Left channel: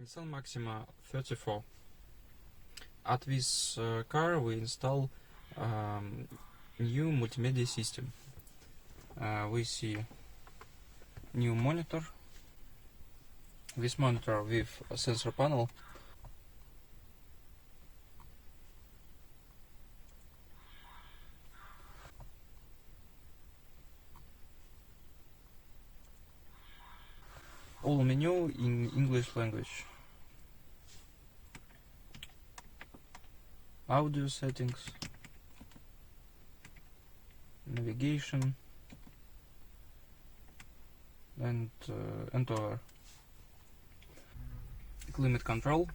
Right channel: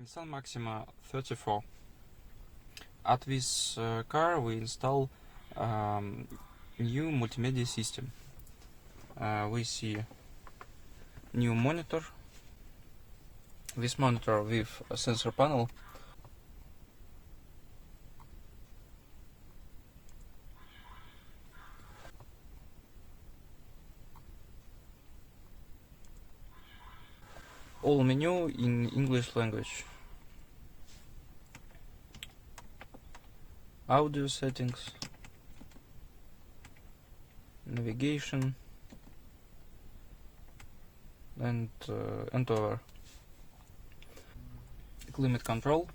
Nissan Maxima A34. At this car we install new multimedia system. We see new monitor. This monitor with a sensor panel. All menu in English language. Audio settings, navigation, and over. Climate control.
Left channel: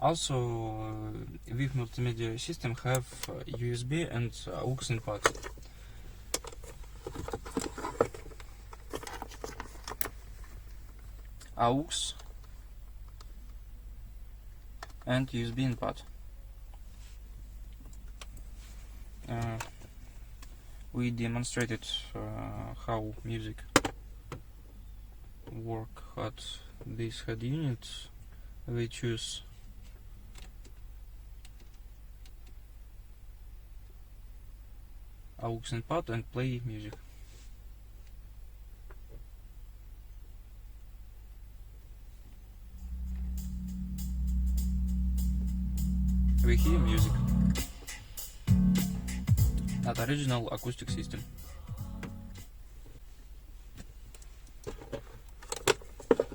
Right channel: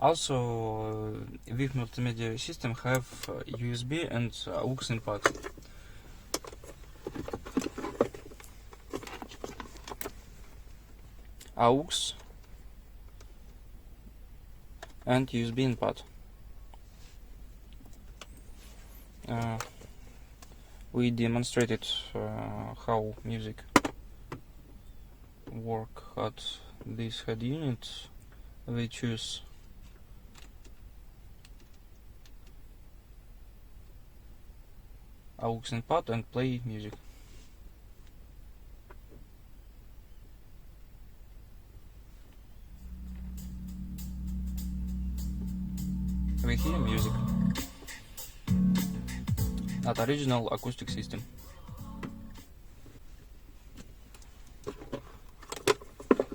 Also, with multimedia system have USB and aux input. Aux and USB input. We demonstrated how music work at this head unit. We choose aux input and play music. We hear music at original acoustic system.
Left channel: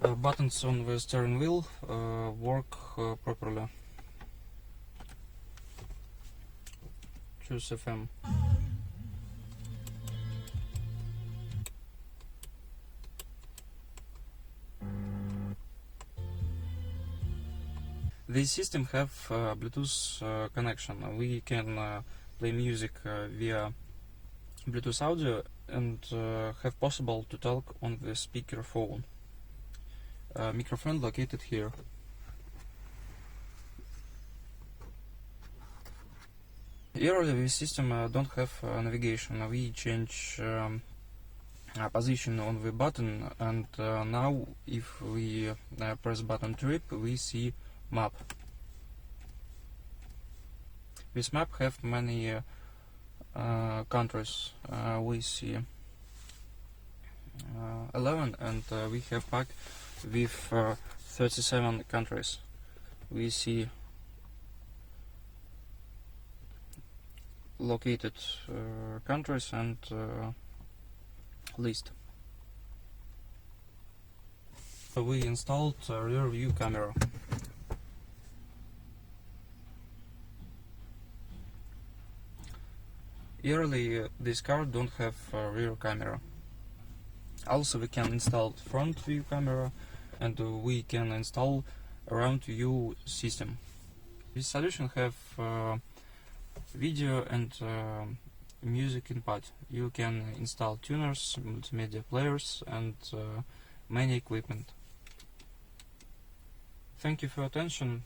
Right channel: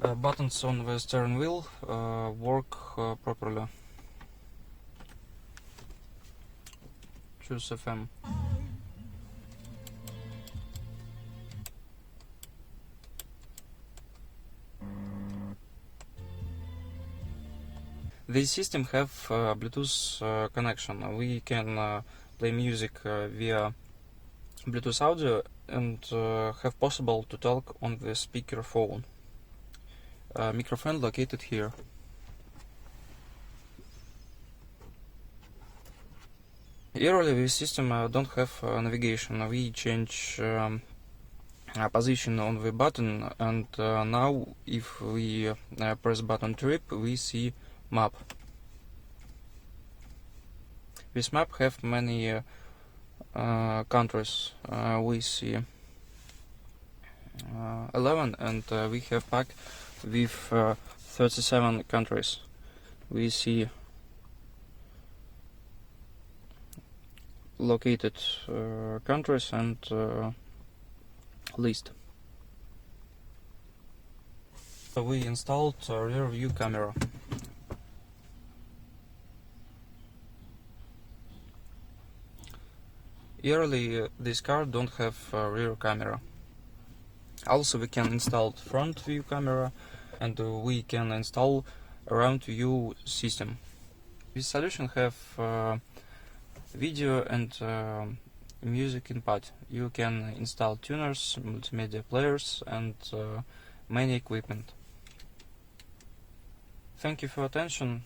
The buttons on the steering wheel work properly. Choose FM. This system have Bluetooth connection. We can play music via Bluetooth audio and have possible to talk on the speaker phone. Microphone located here. Usually this system don't have navigation. We change position on the button, and now if we press button trip, we see map. This map have many countries. We see 11, and we have pack with 37 countries. We see located countries and list. We installed a rear view camera. Usually this car don't have a rear camera. Also we can install front view camera, and we can install around view system. This solution have video and music input. You can install tuners, multimedia players, and many equipment. Thank you for attention.